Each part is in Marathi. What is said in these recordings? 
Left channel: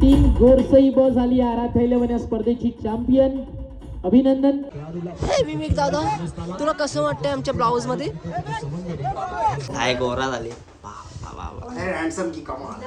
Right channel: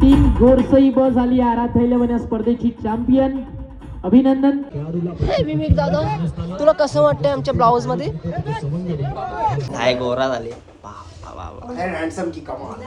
टीम गोरसई ब झाली आराध्याला स्पर्धेची चॅम्पियन. अभिनंदन. विवेक दादा, तुला कसं वाटतंय आमच्या ब्लाऊज मध्ये? काय गोरा झाले. हँडसम की कमाल.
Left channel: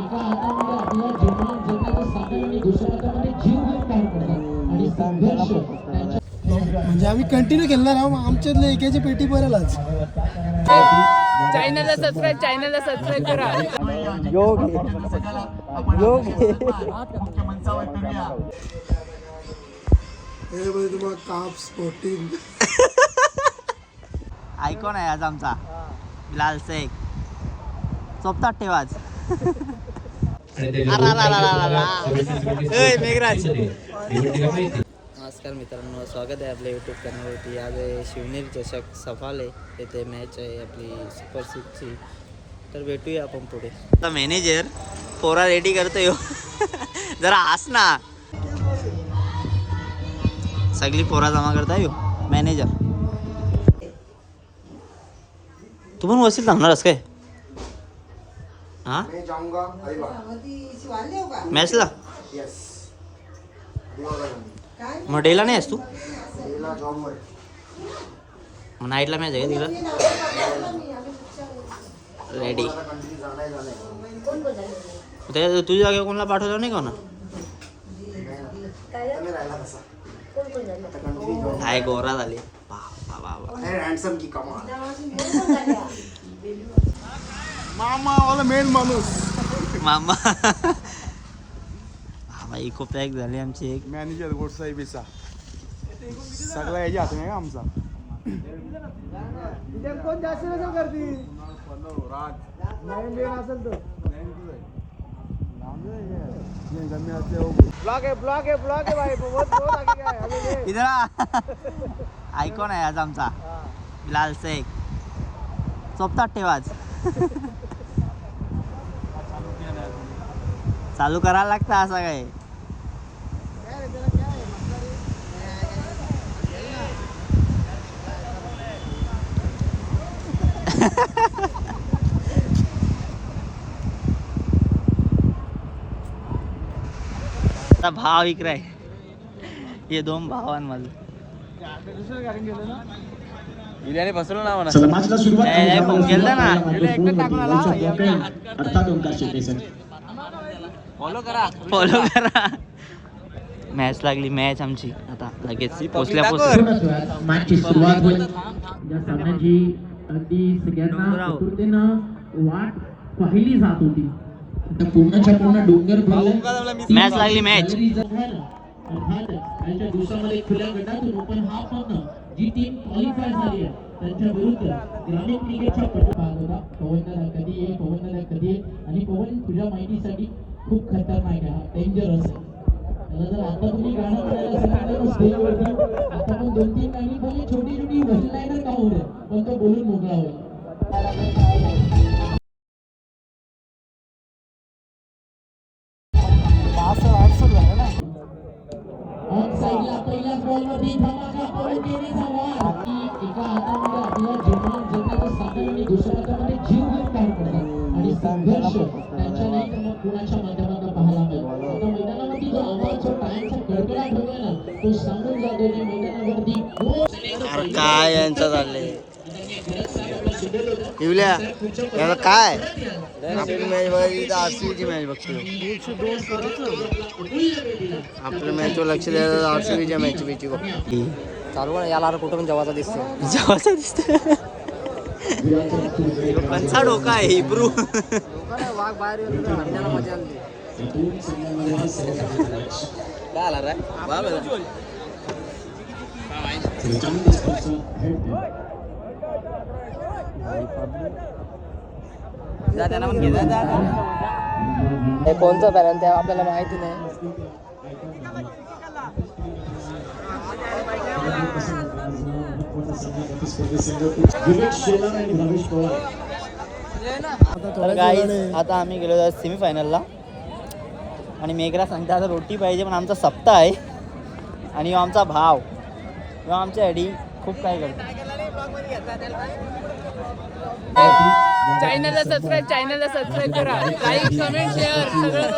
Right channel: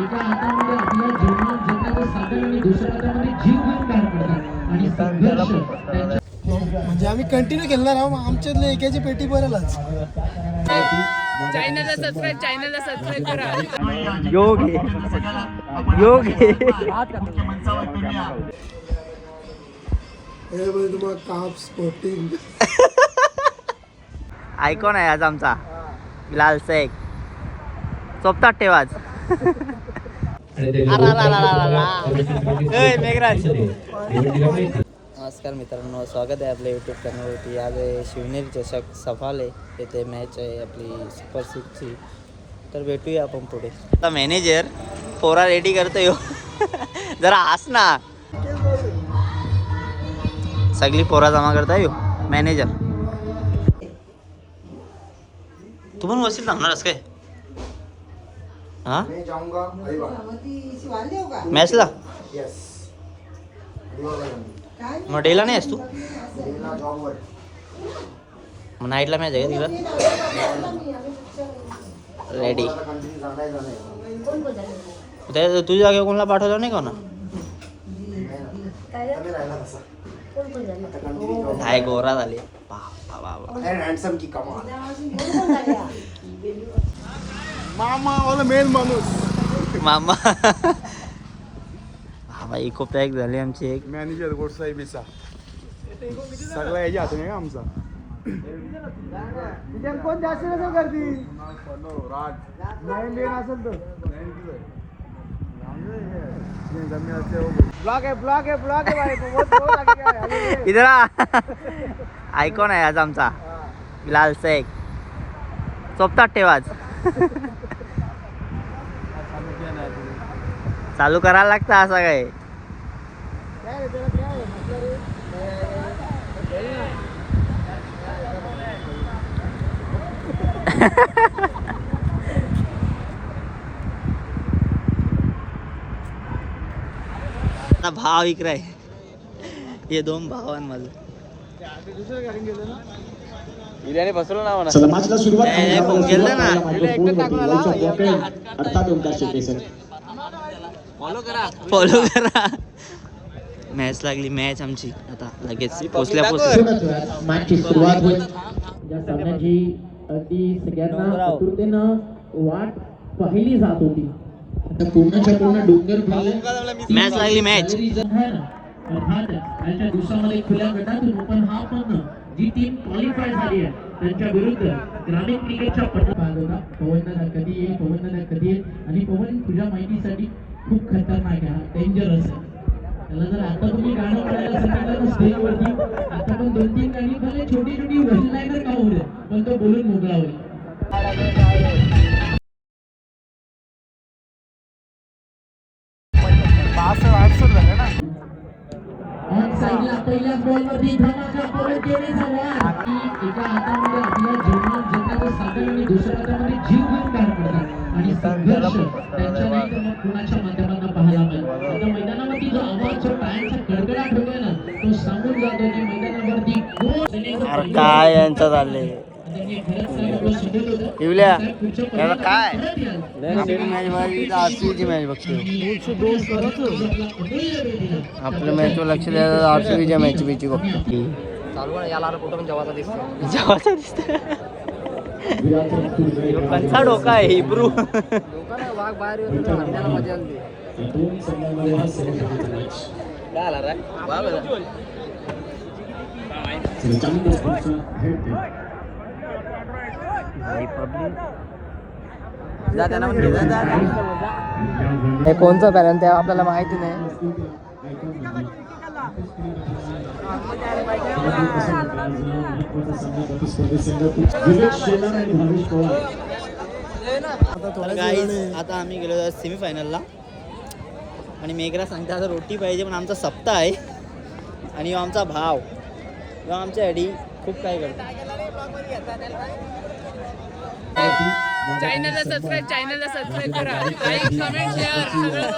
एका हातामध्ये आपल्या जीवन जगण्याचं साधन आणि दुसऱ्या हातामध्ये जीव घेऊन काम करतात आणि संघर्ष. म्हणजे आम्ही कंटिन्यू खेळणार आहोत. आमच्यातले एकाची पेटी भरेलच. चॅनलला सबस्क्राईब करा. योगी तुम्हाला काप स्पोर्टिंग आयकॉन आहे आज आमचा लाल शेख. सोबतात ठेवाच. मेघराज. नमस्कार मित्रांनो, स्वागत आहे आपल्या यूट्यूब चॅनलवरती. आज आहे शिवनेरी चषक सफाले येथे मॅच आहे आपली सुपर 6ची. तर भेटूया आपण पुढे. आता मॅनेजर पोरा रेडी करतोय हो. जरा हस ना. सगळी पोरा जमा करताय हो मॅनेजर. तू पण वसील थांबणारस काय? हा मॅचला मग डेला नाही आहेस तू? मग नाईटला मॅच आहे का रेडी? तुझ्या जागेवर कोणाला पाठवलं नाही का ना? काय गोरा झाले. हँडसम की कमाल. मामा वाला मेन माणूस. मामा भाई खूप एक झाले आमचे. एक मॅनेजर गोडसाहेबीचा सगळ्या याच्या हात नाही आमचा. कोण जास्त नसेल करती असेल तर ब्लॉग आहे इधर आयकॉन आहे आज आमचा लाल शेख. सोबतात ठेवाच. चालू करायला लागतं असं काय? आता भाव इकराय. हे दोन भावांमध्ये दुसरं गाडी गेलं ना. बिर्याणी बसवलं ना म्हणा. नाही फोन केलं ना. फॉलो करा. मॅच लागली. मॅच आमची आता लगेच पोचल्या वाट पाहिली जात होती. पूर्ण डोंगर भरलाय. मॅच लागली. मॅच आजच्या दिवसामध्ये खुल्या गटातून ओपन हाफ मधनं जी टीम क्वालिफाय झाली आहे त्यांच्या विरुद्ध ग्रामीण क्रिकेटच्या पटकाल होता. पवन दादा कधी येईल, पवन दादा कधी येईल. आणि पवन तुझ्या माहितीसाठी खूप खतरनाक आहे, डेंजरस आहे. त्याला जर आता तुम्ही गाणं म्हणायला सांगितलं ना स्टेजवरती, आता पण 2-3 गाणी भले छोटी छोटी वन लाईनर का होऊ दे, पण तो बोलून मोकळा होईल. पहिल्याच बॉलवरती धमाका पवन केलेचा वार. एका हातामध्ये आपल्या जीवन जगण्याचं साधन आणि दुसऱ्या हातामध्ये जीव घेऊन काम करतात आणि संघर्ष त्यांच्या नाही तर मग कुणाच्या माध्यमातून पाहायला मिळेल. आता मैदानावरती जो आवाज जो टाळ्यांचा कडकडाट होतोय ना, तो सांगून जातो की मैदानावरती अरे काय यांचं चाललंय. इवल्या याला काय आपली मॅच बघायची तर RCBची मॅच बघतो. आपल्या मॅचवर लक्ष द्यायला RCBच्या मॅच बीची बघतो. याला कुठून जवाचा दिसतो. जवाचा दिसतो. कंचा डोका आहे हिब्रू. वाघ बाहेर येतो हरण्याला मजा आली. काय आला रे जा त्यांना पण घे जा. हे कोणचं पॅनल ते आपल्याला माहिती नाही. आता आम्ही गेलो सेमीफायनलला आणि मेघरा सांगता आता रोटी पाहिजे पण आमचा सप्ताह आहे आणि आमचा भाव किंवा आमच्या आयडी खूप काय करतो. चॅनलला सबस्क्राईब करा. लाईक कमेंट शेअर सगळं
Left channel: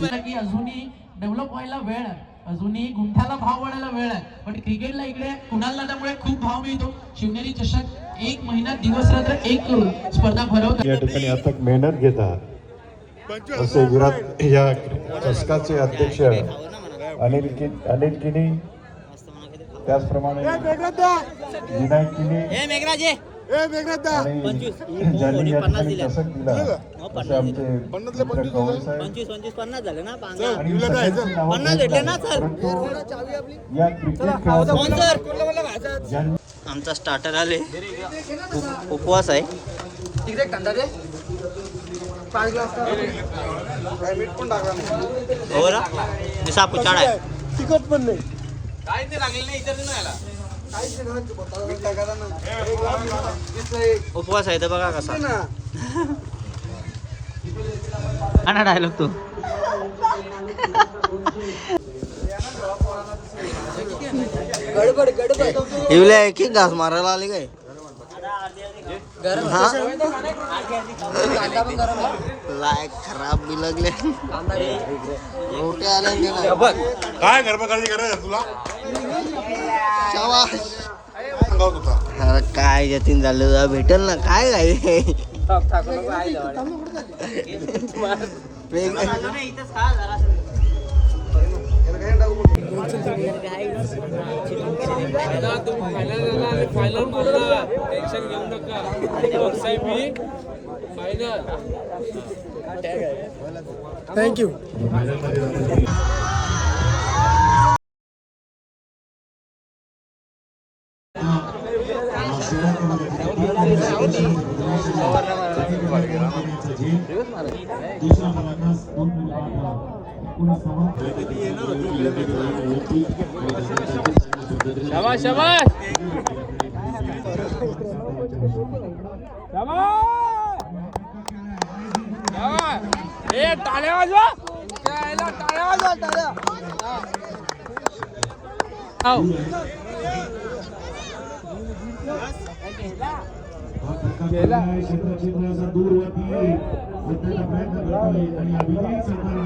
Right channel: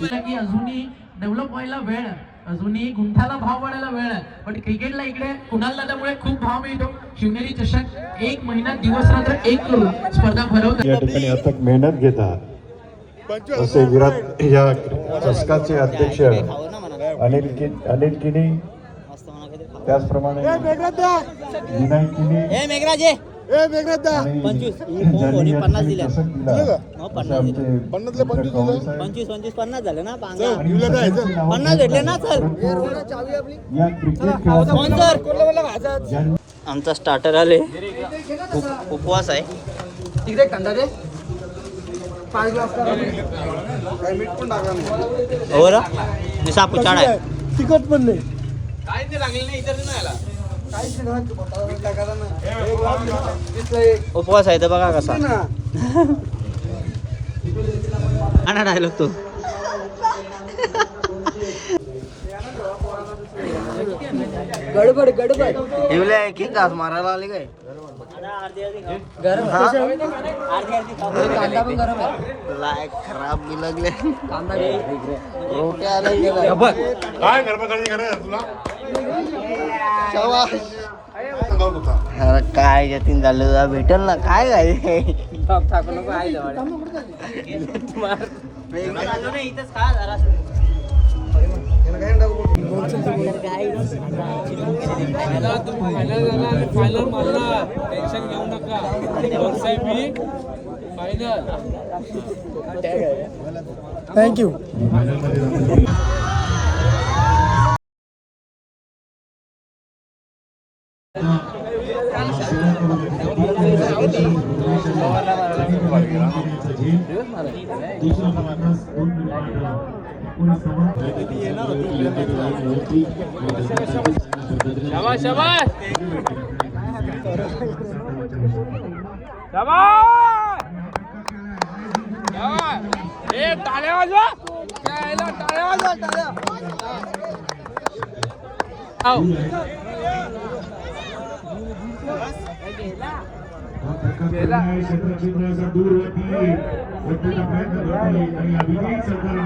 करा. की अजूनही डेव्हलप व्हायला वेळ आहे, अजूनही गुंठाला भाव वाढायला वेळ आहे, पण क्रिकेटला इकडे कुणाल दादामुळे खूप भाव मिळतो. शिवनेरी चषक 1 महिना दिवस रात्र एक करून स्पर्धा भरवतात. या ठिकाणी अथक मेहनत घेतात असे विराट या चषकाचे अध्यक्ष खावं ना म्हणा अनिल किनी, मस्त म्हणा काहीतरी खावं. त्याचप्रमाणे विनायक किनी ए मेघराजे आणि 25 ज्यांनी या 50 ठिकाणी दिल्या. चषक दिला हो, असे 50 दिले. आमचे 25 50 झाले ना पांगा. आणि मी सगळ्यांची नावं 50 भेटले ना, घेतलं. सर. परंतु या क्रिकेट खेळासाठी ज्यांनी आमचा स्टार्टर आले. उपवास आहे. हो रा दिसा पुचाड आहे. उपवास आहे तर बघा कसा. आणा डायलॉग तो. येवल्या एक एक घास मारायला आले काय. हा? लायक खराब भी लागले. रोट्या आल्या त्याला. काय गडबड करत तुला शाबाश. अरे काय जतीन झालं भेटल ना काय काय. थँक्यू. दुसरा फलंदाज 2 मिनिटांचा एकूण हा प्रकार केलाय क्षेत्राचा दूरवरती मोठा प्रयत्न करतोय आणि अभिजित सरकारनं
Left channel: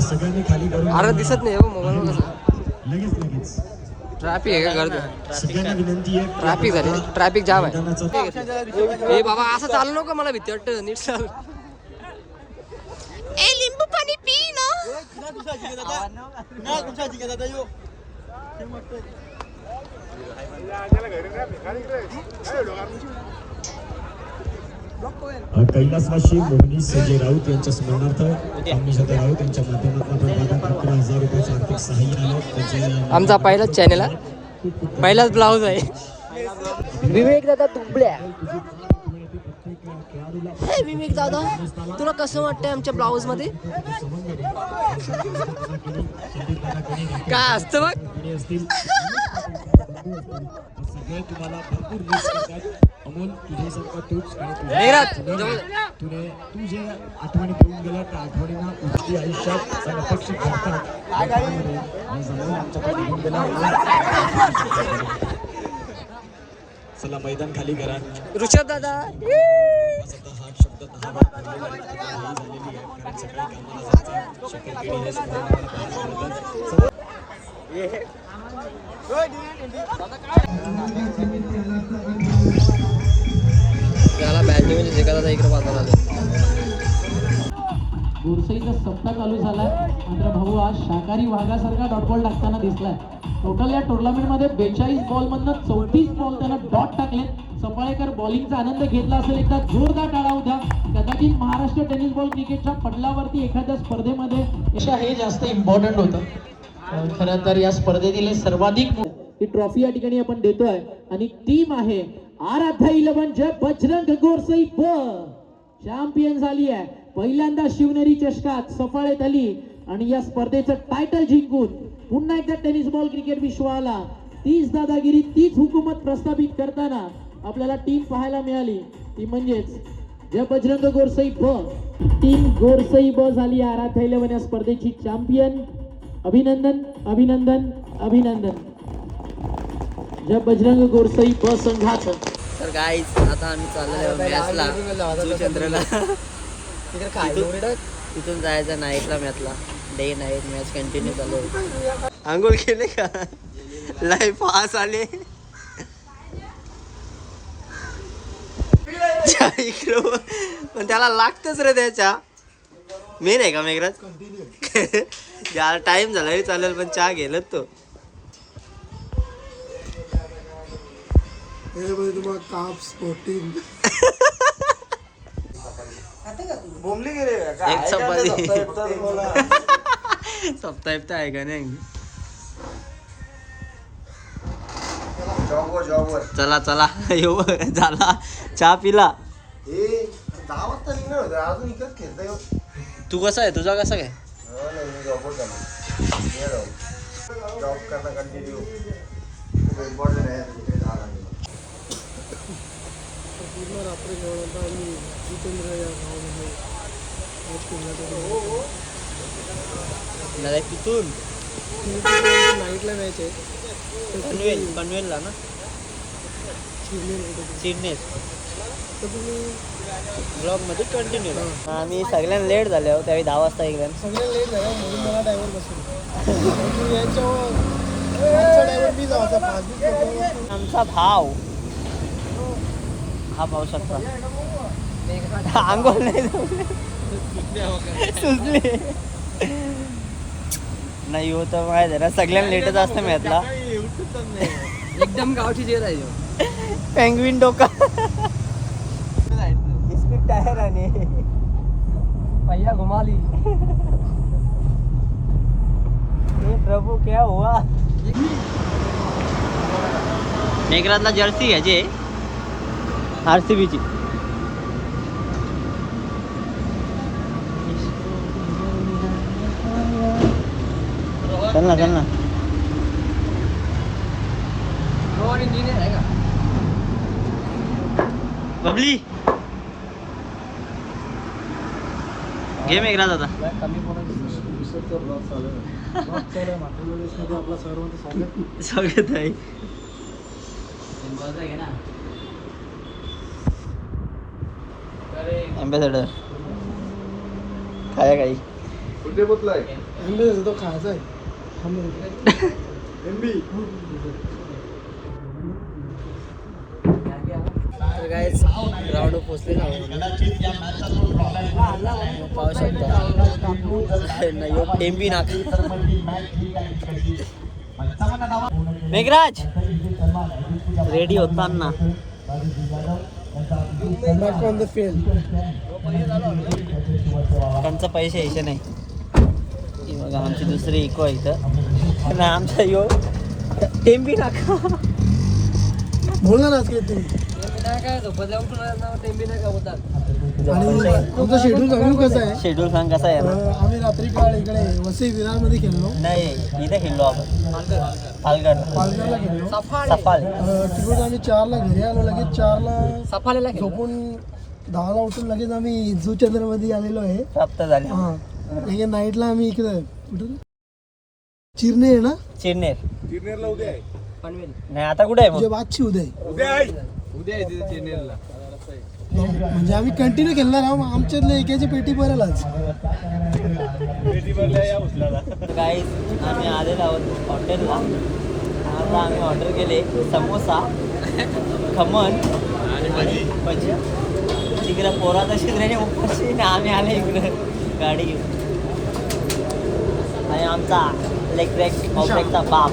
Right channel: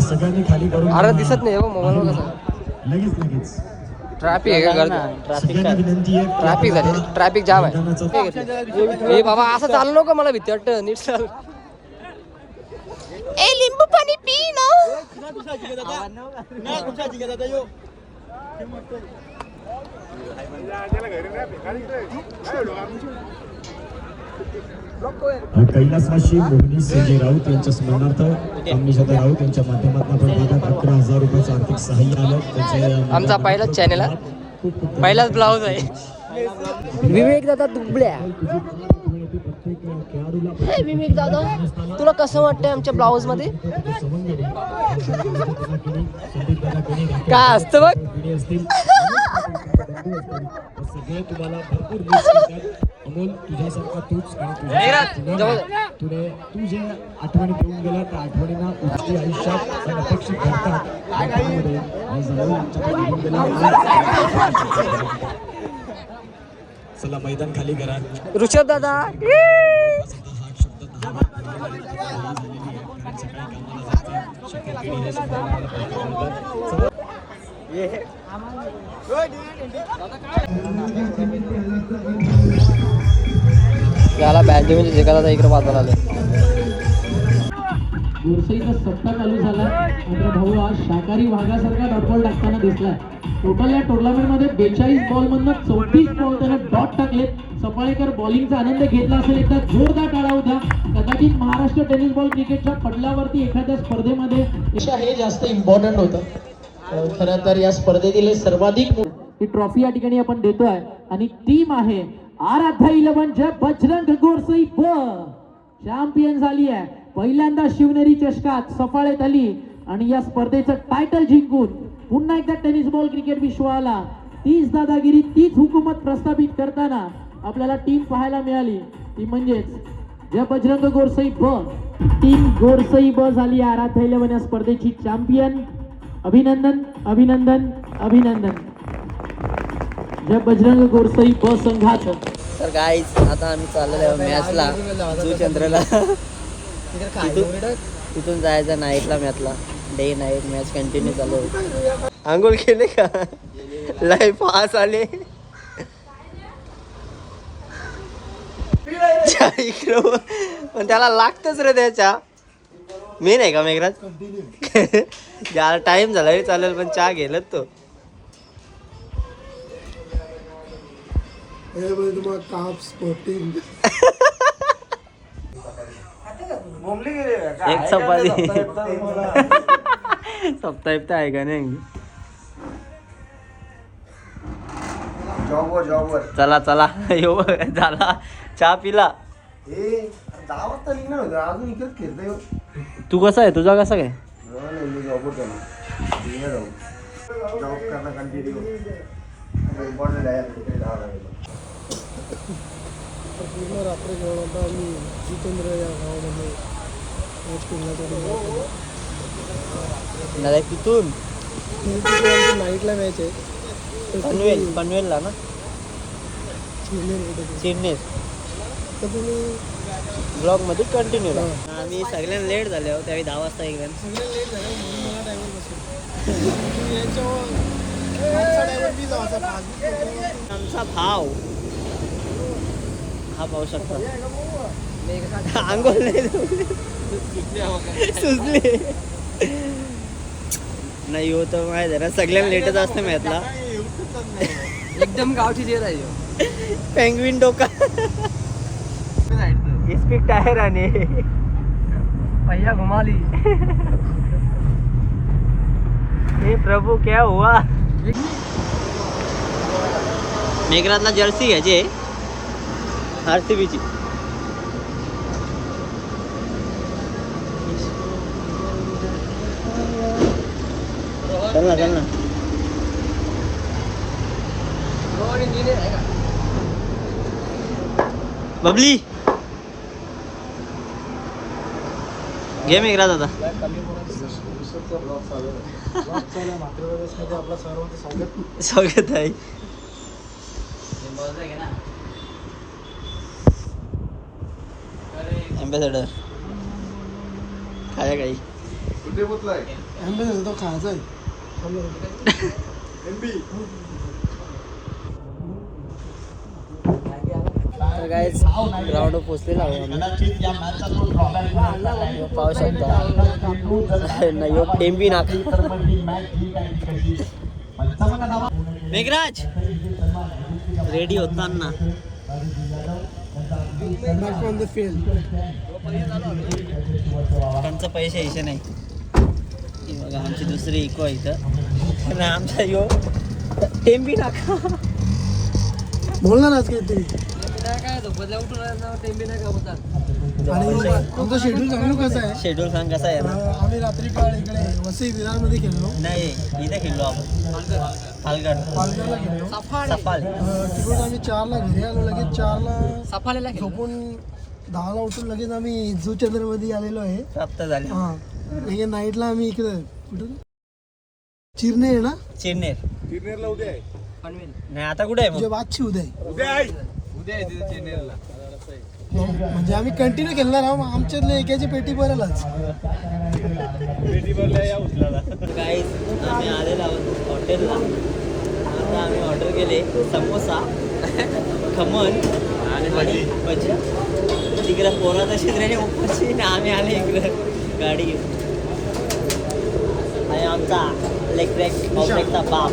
सगळ्यांनी खाली काढून अरे दिसत नाही मोबाईल कसा लगेच ट्रॅफिक आहे का गर्दी. सगळ्यांना विनंती आहे ट्रॅफिक झाले. ट्रॅफिक जाम आहे. मैदानाचा ए बाबा असं चालू नको मला भीती वाटतं. नीट चाल. ए लिंबू पाणी पी ना. कैलासवासी मोहनी संजय राऊत यांच्या स्मरणार्थ आम्ही स्वतः राऊत यांच्या माध्यमातून आपण 11,000 रुपयाचं आर्थिक सहाय्य आलं. त्यांच्या आमचा पहिलाच चॅनल आहे. पहिलाच ब्लाऊज आहे. विवेक दादा दुबळ्या. विवेक दादा तुला कसं वाटतंय आमच्या ब्लाऊज मध्ये. काय असतं बघ. सगळे तुम्हाला भरपूर मिस करतात. अमोल तुझ्यासारखा तूच आणि तू जे आठवणी घेऊन गेला त्या आठवणींना उच्च आयुष्यात अपेक्षित घडतात. त्यामध्ये आज जाऊन आमच्याकडे घेऊन गेला. चला मैदान खाली करा. ऋषभ दादा त्याला बॅटिंग जिंकायला इकडे वाजवायला आले. गोरसईचा सप्ताह चालू झाला. मात्र भाऊ आज शाकाहारी वाघासारखा डॉट बॉल टाकताना दिसलाय. टोटल या टुर्नामेंटमध्ये 42 बॉल मधनं 34 बॉल त्यानं डॉट टाकलेत. सफाळेकर बॉलिंगचा आनंद घेतला असेल. एकदा जोरदार टाळा होता. कदाचित महाराष्ट्र टेनिस बॉल क्रिकेटच्या पडलावरती एखाद्या स्पर्धेमध्ये हे जास्त इम्पॉर्टंट होतं. खरं तर या स्पर्धेतील सर्वाधिक ही ट्रॉफी या ठिकाणी आपण देतोय आणि टीम आहे आराध्या 11 बजरंग गोरसई ब चॅम्पियन झाली आहे. पहिल्यांदा शिवनेरी चषकात सफाळेत आली आणि या स्पर्धेचं टायटल जिंकून पुन्हा एकदा टेनिस बॉल क्रिकेट विश्वाला तीच दादागिरी तीच हुकूमत प्रस्थापित करताना आपल्याला टीम पाहायला मिळाली. ती म्हणजेच जय बजरंग गोरसई ब. टीम गोरसई ब झाली आराध्या 11 या स्पर्धेची चॅम्पियन. अभिनंदन अभिनंदन अभिनंदन जय बजरंग गोरसई ब संघात. तर गाईज आता आम्ही चाललेलो आहे मॅचला जुचंद्रला. तिथून जायचं नाईटला मॅचला. डे नाईट मॅच कंटिन्यू चालू आहे. आंघोळ केले का? लय पास आले. पण त्याला लागतच रे त्याच्या. मेन आहे का मेघराज? ज्याला टाइम झाला तरी चालेल पण चहा गेलं तो. तुम्हाला काप्स प्रोटीन एक चपाती सप्ताहित आहे का नाही? चला चला येऊ झाला चहा पिला. तू कसा आहे? तुझा कसा काय? पूर्ण रात्र जेवण होता. आम्ही जुचंद्र या गावामध्ये मॅच खेळण्यासाठी नाही तिथून नाईटला मॅच आहे. पनवेल पनवेलला ना? चिरनेर चिरनेर. तर तुम्ही ब्लॉग मध्ये कंटिन्यू. आम्ही सगळ्यांना लेट झाले आहोत त्यावेळी 10 वाजता गेल्या. सगळ्यात लेट झालं म्हणून मला ड्रायव्हर बसतो. यांच्यावर ड्रायव्हर मी जायचा 5-20 लोक. आमचा भाव हा पाहू शकता. आंघोळ नाही सुचले नाही होत माहिती आहे ना. सगळ्यांना लेटच असतं मॅचला. एकदम गावठी जेर आहे. पेंग्विन डोका स्पीक टायर आणि पहिया घुमाली. हे प्रभू क्या हुआ? मेघराजला जर्सी घ्यायची आहे RCBची. चल ना चल ना. इंजिनियर आहे का? बबली घे मेघराज आता. स्वागत आहे. एम्बेसेडर काय काही आंबे तो खायचा आहे. तर काय ग्राउंडवर पोचलेला आहोत. पाहू शकता टेंबी नाक. मेघराज रेडी होताना फ्रॉम द फील्ड. त्यांचा पैसे यायचे नाही. बघा आमची दुसरी इको आहे इथं. नाही आमचा यो टेंबी नाक. बोलणार आज काय तुम्ही? आणि आमचं शेड्यूल सांगू कसं आहे? शेड्यूल सांग कसा आहे ना? आम्ही रात्री काळ इकडे वसई विरारमध्ये खेळलो. नाही इथे खेळलो आपण पालघर. पालघरला खेळलो. सफाळे. तिकडून आम्ही 4ला घरी आलो. लगेच 4ला सफालेला झोपून 10ला उठून लगेच आम्ही जुचंद्रमध्ये आलेलो आहे. प्राप्त झाले. हा लगेच नाईटला आम्ही इकडे कुठे चिरनेर आहे ना? चिरनेर. पनवेल नाही आता कुठे आहे तुझ्या मग? बादशी उद्या म्हणजे आम्ही कंटिन्यू खेळणार आहोत. आमच्यातले एकाची पेटी भरेल आज. काही आम्ही आलेलो आहोत हॉटेलला. आता आम्ही ऑर्डर केले समोसा खमण आणि भजी. तिकडे पोराचा शिजऱ्याने उपाशी ना आम्ही आले इकडे गाडी घेऊन. आणि आमचा लेगचा बाप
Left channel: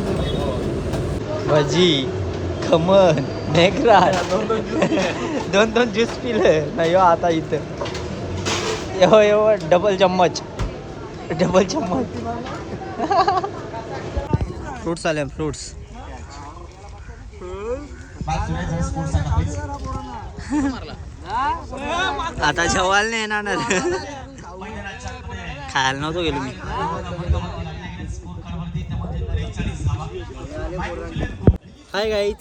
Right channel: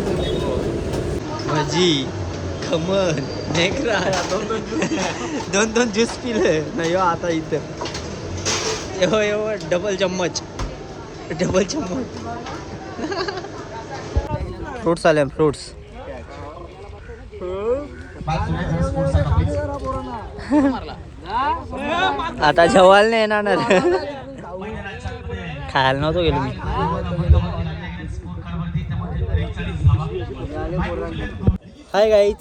भजी खमण मेघराज 2 ज्यूस पिले ना. यो आता इथं यो डबल चम्मच फ्रूट्स आले. फ्रूट्स आता जेवायला नाही येणार ना. खायला नव्हतो गेलो मी. हाय गाईज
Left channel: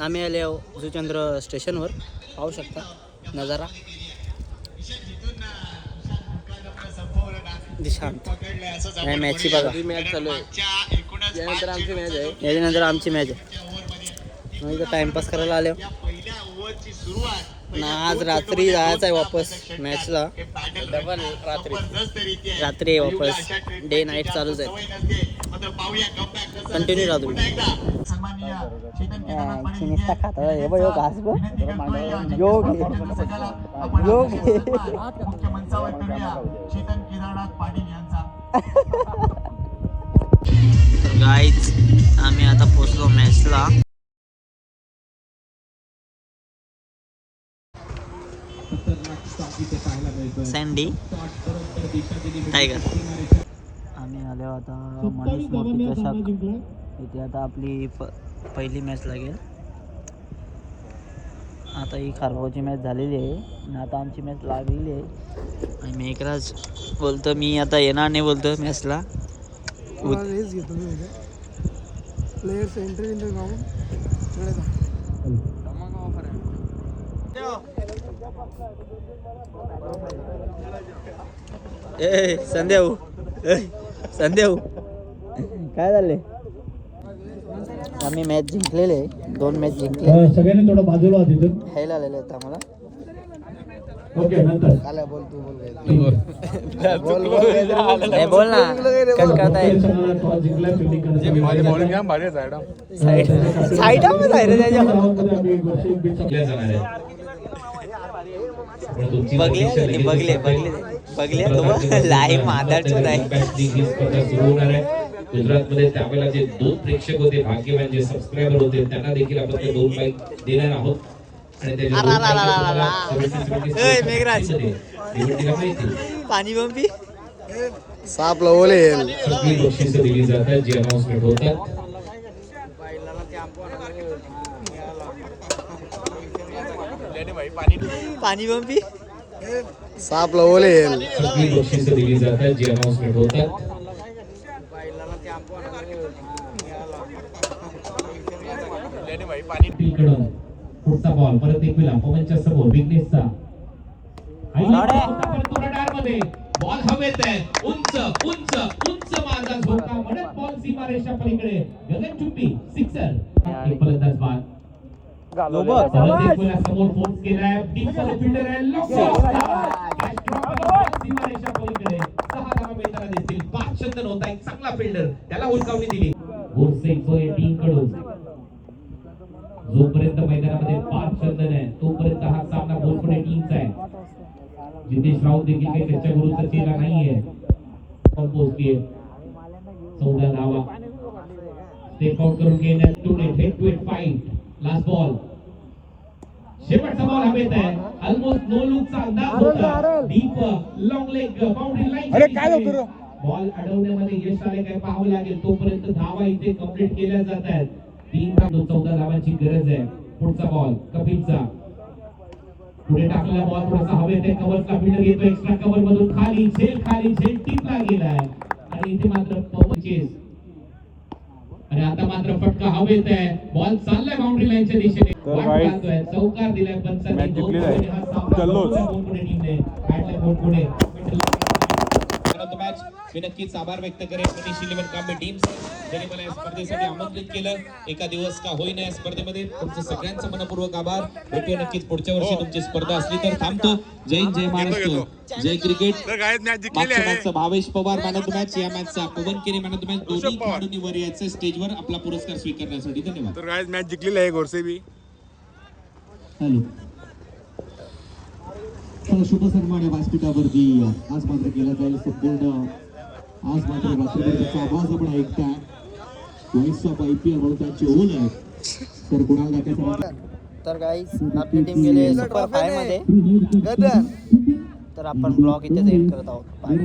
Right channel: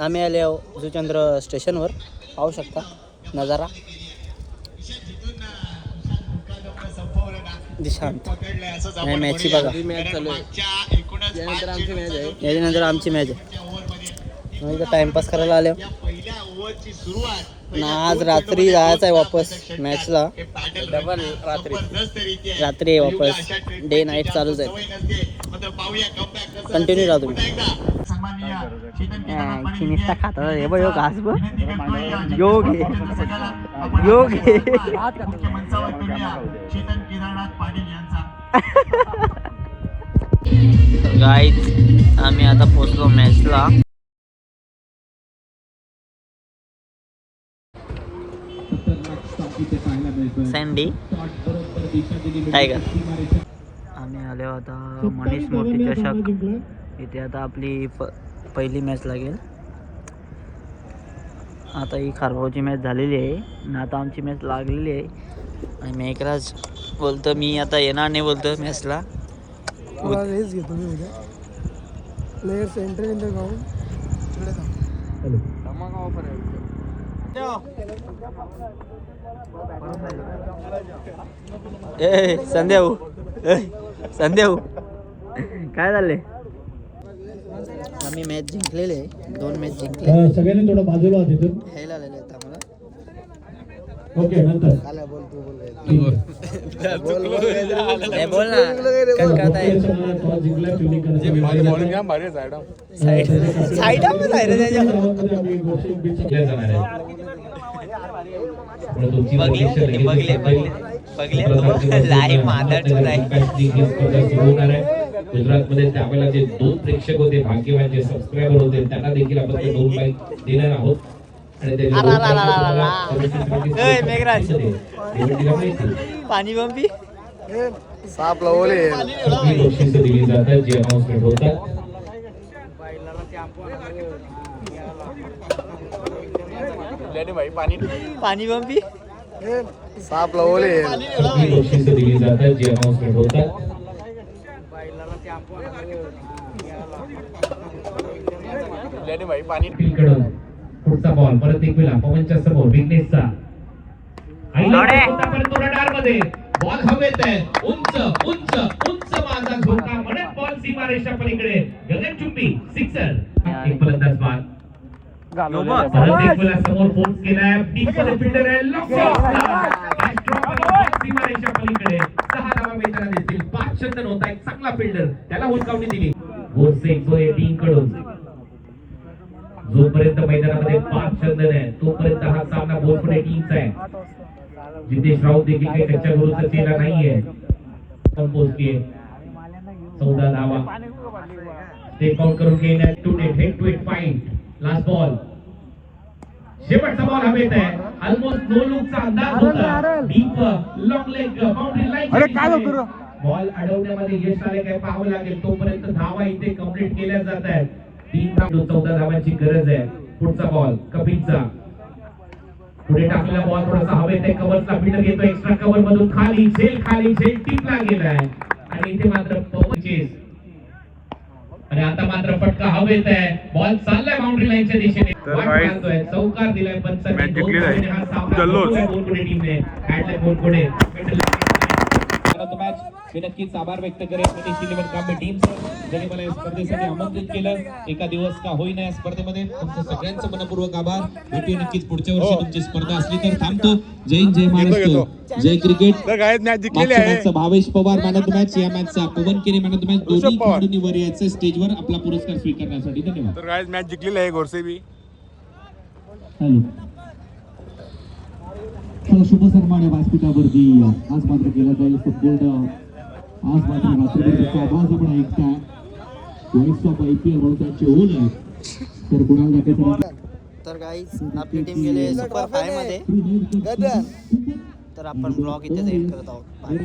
आम्ही आले आहो जुचंद्र स्टेशनवर. पाहू शकता नजारा. दिशांत या मॅचची बघा. मॅच चालू आहे. यानंतर आमची मॅच आहे. याच्यानंतर आमची मॅच आहे. मग इथं टाइमपास करायला आले ना. आज रात्री जायचं आहे वापस मॅचला. रात्री आहे वापस. डे नाईट चालूच आहे. कंटिन्यू राहा तुम्ही. निस्ता खाता हे बघ घास बघ. योग आहे योग आहे. गाईज आम्ही आता पोचलो मॅचला. Sandy tiger. आम्ही आलो आता मनीष मोठी चषक. इथे आता आपली पहिली मॅच लागेल. आता ही खारगावची मॅच झालेली आहे आणि आता आमची मॅच लागलेली आहे. आणि मेघराज बोलतो मी आता येणार नाही बोलतो मॅचला. रेस घेतो मी उद्या. Players enter in the ground. ए संध्याऊ संध्याऊ काय झाले. आम्ही मॅच जिंकलेले 2 मॅच जिंकले. सगळ्यांनी थोडं बाजूला ह्याला आलेले आहेत आम्हाला. ओके नंतर आला बोल तू बोल बोल ना. कळकळताय. गुजरात मध्ये त्यावेळेला जे 2 प्रेक्षक होते, भाग्यवान जे सबस्क्रायबर होते, त्यांना देखील आपण ते 2 बाईक देणार आहोत. आणि ते पाणी बंबी साप ओले बक्षीस दिली जातात जे अनाउन्समेंट होतात. पाणी बंबी साप ओले बक्षीस दिली जातात जे अनाउन्समेंट होतात. पुढचा बॉल परत एक वेळा पवनच्या समोर विघ्नेशचा मध्ये बॉल हवेत आहे. उंच उंच उंच माझा झोका म्हणत बॉल सीमारेषा पलीकडे गगनचुंबी सिक्सर. एक फलंदाज बाद. परत एक वेळा समोर फोर्स केलाय. डीप मध्ये फिल्डर आहे. सीमारेषा पलीकडे 6 धावा मिळताना दिसतील. 5 चंदन होता एक चांगला फिल्डर त्याला हुलकावणी दिली. गोरसे टीम कडून जोपर्यंत मैदानामध्ये 5 चंदन आहे तोपर्यंत हा सामना बोरपुणे टीमचा आहे. जितेश राऊत देखील काही त्याच्या गुरुचा चेहरा नाहीये. पोहोचलीये 14 धावा. स्टेप आउट करून घेण्यात head to head fight. Last ball शेवटचा बॉल हवेत आहे. ऑलमोस्ट नो लुकचा अंदाज होता. Deep long leg boundary line. Ball अडवण्यामध्ये यश आले काय पाहावं लागेल. तोपर्यंत धावा इथे कंप्लीट केल्या जात आहेत. 14 धावांची गरज आहे. पुढचा बॉल कपिलचा. पुढे टाकलेला बॉल थोडासा हवेत आहे. कव्हरचा फिल्डर घेतो. एक्स्ट्रा कव्हर मधून खाली झेल टिपला गेलाय आणि इथे मात्र पवनचेस. आणि आता मात्र फटका हवेत आहे. बॉल चाललाय बाउंड्री लाईनच्या दिशेने. चौकार दिलाय पंचांनी. मॅच जिंकलेला आहे. बोरपुणे टीमने हॅडलाय बोरपुणे. मी नक्कीच आभार व्यक्त करेन मनीष 11 कांबळे टीमचे ज्यांनी मला या स्पर्धेसाठी आमंत्रित केलं. एका दिवस का होईना या स्पर्धेमध्ये तुमचं सगळ्यांचं मनपूर्वक आभार. भेटूया नक्कीच पुढच्या वर्षी तुमची स्पर्धा असली तर. थांबतो. जय हिंद जय महाराष्ट्र जय cricket. Bhavesh Pawar man of the match. या मॅचचा पवन केने मॅन ऑफ द मॅच. दोन्ही खेळाडूंनी वर यायचं स्टेजवर आपला पुरस्कार स्वीकारण्यासाठी. धन्यवाद. तर गाइस मॅच जिंकलेली आहे गोरसे बी. हॅलो शुभ सन्मान व्यासपीठावरती आज मात्र केला जाईल फुटबॉल. आज मात्र रात्रभर त्याचा आवाज आपण ऐकताय. व्हॉइस ऑफ IPL म्हणून त्यांचे ओन आहेत सर कुणाल दाखेकर. तर गाईज आपली टीम गेले सुपर 5 मध्ये. तर आपण ब्लॉग इथेच एंड करत आहोत. बाय.